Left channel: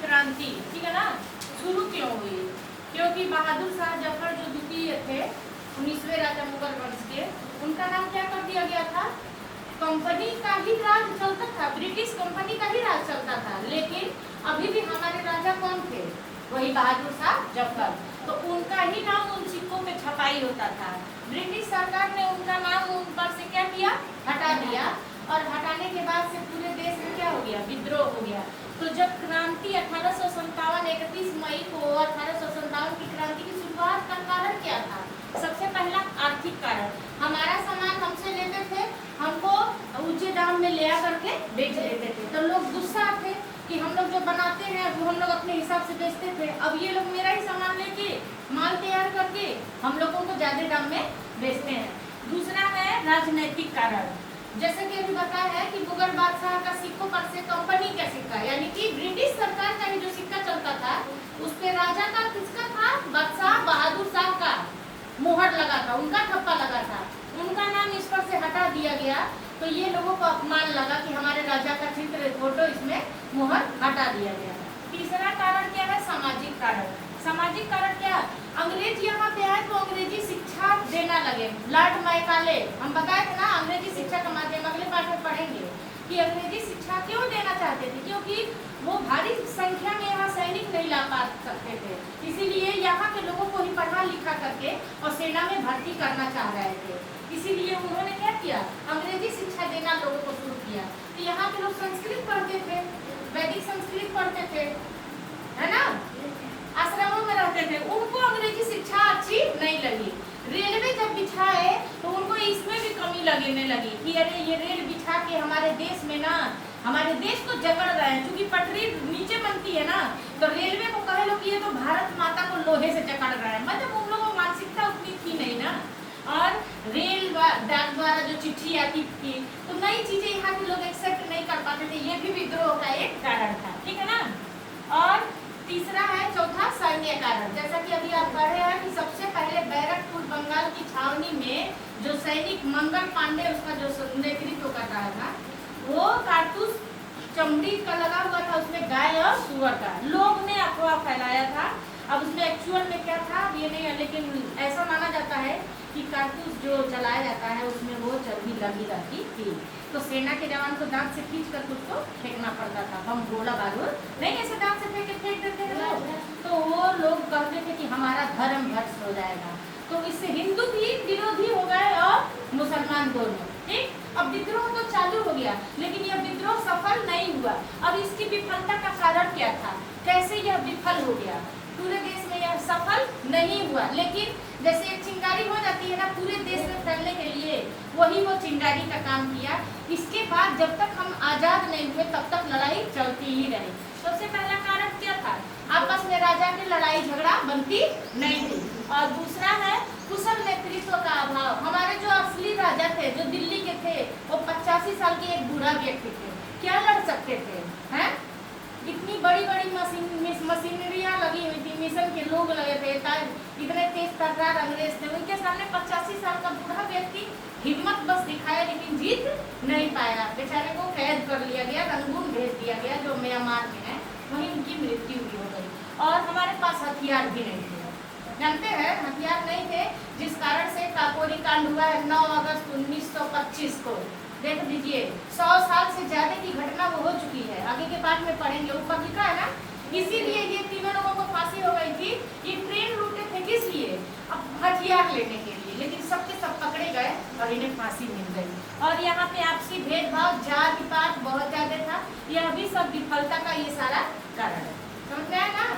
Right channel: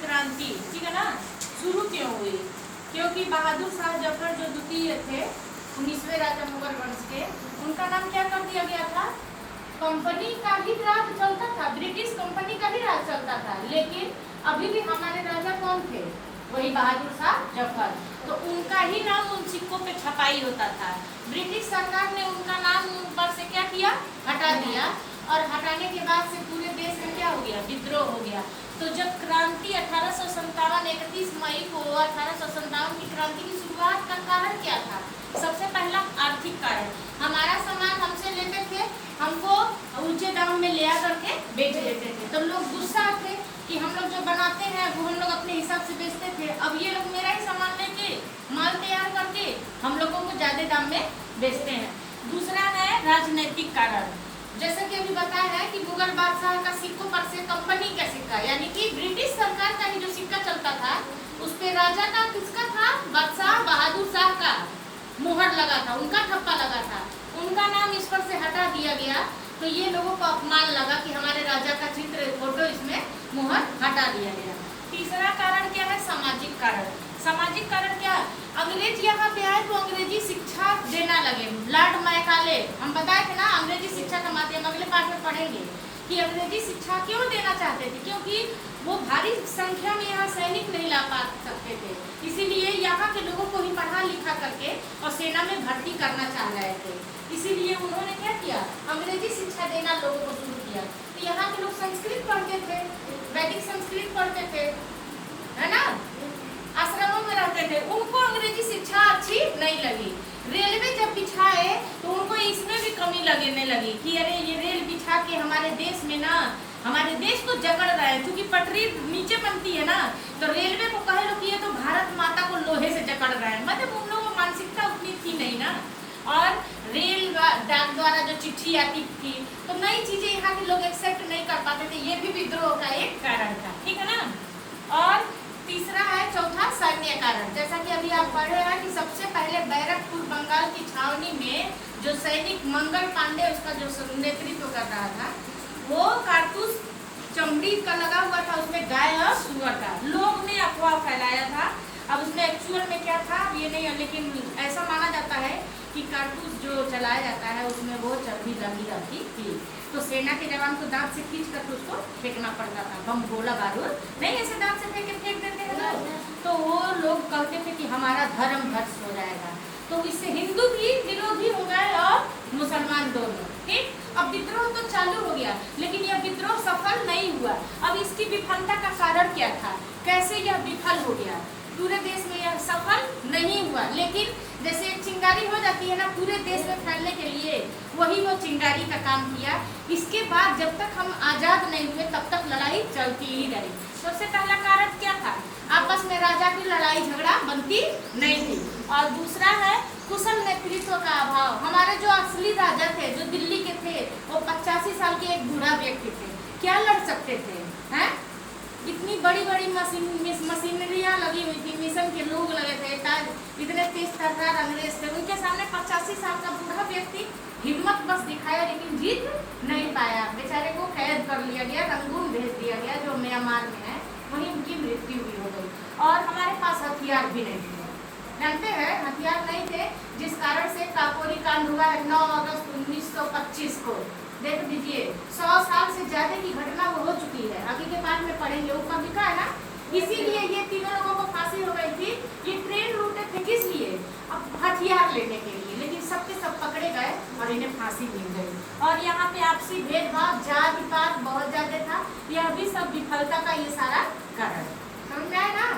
क्रांति, ठीक है ना, शुरू क्यों हुई? क्योंकि बहादुर शाह जफर जो द्वितीय थे 19वें राजा मुगल वंश के, उनका नाम क्या कर दिया गया था? कंपनी का ही राज चलता था, ब्रिटिश कंपनी का ही राज चलता था, लेकिन अभी भी हमारे राजा कौन थे? वही बहादुर शाह जफर। तो उनका ही नाम उन सिक्कों पे छपाई होता था। ब्रिटिश सरकार ने उनका नाम उन पर से क्या किया? हटा दिया, और हटाने के बाद से पूरे देश में क्या हो गया? विद्रोह हो गया। तो जब क्रांति 1857 31 मई को 1857 की क्रांति की शुरुआत का कारण क्या था? सबसे पहला आर्थिक कारण। हमारा सामान हमसे लेते थे, हमको ऊंचे दाम में ले करके बेच देते थे, तो लोग गुस्सा थे कि हम लोग जो बनाते हैं वो हम लोग अपने हिसाब से बेचते थे, अब ये लोग मेरा ही सामान लेके माल तैयार करके हम लोगों को ज्यादा दाम में बेचते हैं। दूसरा है राजनीतिक कारण। जैसे कि अभी बताया है कि मुगल बादशाह का सिक्कों पर से कंपनी का सिक्का, यानी कि ब्रिटिश सरकार का ही जो सिक्का चलता था उस पे राजा का किसका था? बादशाह बहादुर शाह का मुहर लगा था, उनका ठप्पा लगा था। उनका नाम इस पर से हटा दिया गया, तो ये लोगों को अपमान लगा कि हमारे राजा का चित्र फोटो इसमें मुहर हटा दिया गया। तीसरा कारण क्या है? सामाजिक कारण। सामाजिक कारण क्या? अंग्रेज यहाँ पे आए तो अंग्रेजी शिक्षा देना लगे। लॉर्ड मैकाले, हम बताए थे ना, अंग्रेजी शिक्षा का माध्यम, अगले पाठ में पढ़ेंगे कि अंग्रेजी शिक्षा क्यों देना चाहते थे, क्योंकि वो भारी संख्या में यहाँ सैनिक नहीं ला पा सकते थे, इसीलिए यहाँ के लोगों को ही पढ़ा लिखा करके और सेना में भर्ती करना चाह रहे थे। इसीलिए उन्होंने क्या किया? अंग्रेजी शिक्षा देना लोगों को शुरू किया। तो यहाँ के लोग संस्कृत पढ़ते थे, वैदिक संस्कृत पढ़ते थे, है ना, आश्रमों में रहते थे, उनको अंग्रेजी शिक्षा अच्छी नहीं लगी। रेलवे जब बिछाए तो उनको इसमें भी कमी लगने लगी कि अरे ये रेल बिछा के हमारे देश में ना, हमारे देश को जकड़ रहा है, क्योंकि पटरी नीचे बनती है ना, तो रेलवे को कहे लो कि ये तो भारत माता को लोहे से जकड़ रहा है, मतलब उन लोगों को मानसिकता उतनी थी नहीं ना। और रेल डाक द्वारा जो चिट्ठी आती थी तो नई चीजें यहाँ के लोग एक्सेप्ट नहीं कर पाते थे, ये भी विद्रोह का एक कारण था, ठीक है ना। और तीसरा है, चौथा, सैन्य कारण। जैसा कि अभी आप पढ़ रहे हैं कि सबसे पहले बैरकपुर बंगाल की छावनी में जो सैनिक मंगल पांडे उसका जो नेतृत्व कर रहा था, वो कारतूस चमड़ी का लगा हुआ था, उसमें गाय और सुअर का, लोग ने अफवाह फैलाया था। अब उसमें एक्चुअल में क्या था ये नहीं है, लेकिन ऐसा माना जाता है कि कारतूस जो चलाया जाता है उसमें वो चर्बी लगी रहती थी, तो सेना के जवान को दांत से खींच कर उसको फेंकना पड़ता था, बम गोला बारूद नहीं ऐसे दांत से फेंक देते हैं लोग, तो वो लोग कहते थे कि हमारा धर्म भ्रष्ट हो जाएगा। तो इससे हिंदू भी विरोधी हो गए और मुसलमान दोनों, ठीक। अब विद्रोह तो चालू हो गया, लेकिन यह विद्रोह सफल नहीं हुआ। अब इसकी विफलता का कारण क्या था? कैसे यह विफल हो गया? पूरे देश में यह सफल नहीं हुआ, लेकिन जैसे एक चिंगारी हो जाती है ना पूरे देश में फैलने के लिए, वही वो चिंगारी का काम किया। इसके बाद जब तक हम आजाद नहीं हुए तब तक लड़ाई चलती ही रही। सबसे पहला कारण क्या था? आपस में राजा की लड़ाई झगड़ा बनती नहीं थी। और दूसरा है कुशल नेतृत्व का अभाव। हमारे जो असली राजा थे, जो दिल्ली के थे, वो 85 साल के एक बूढ़ा व्यक्ति थे, क्या लड़ सकते थे? हैं, इतनी बड़ी बड़ी मशीनरियाँ लगी हुई थी, मिशन के लोग लगे थे, इतने तेज तर्रार अंग्रेज थे, उनके सामने 85 साल का बूढ़ा व्यक्ति हिम्मत बस दिखाया, लेकिन जीत नहीं पाया। बेचारे को कैद कर लिया गया, रंगून भेज दिया गया जो म्यांमार में है, वहीं उनकी मृत्यु भी हो गई। और हमारे पास हथियार भी नहीं थे, जानते हैं, हथियार नहीं थे, जिस कारण से काकोरी कांड हुआ है 9 अगस्त 1925 को। देख लीजिए 100 साल से ज्यादा की घटना वो हो चुकी है, आगे के पाठ में पढ़ेंगे, ऊपर लिखा है ना। इसीलिए ये तीनों लोगों को फांसी हो गई थी। ये ट्रेन लूटे थे किस लिए? अब हथियार लेने के लिए, लेकिन सबके सब पकड़े गए और इन्हें फांसी मिल गई। और यहाँ पे आपसी भेदभाव, जाति पात बहुत ज्यादा था, यह भी सब विफलता का ये सारा कारण है, समझ में आए ना।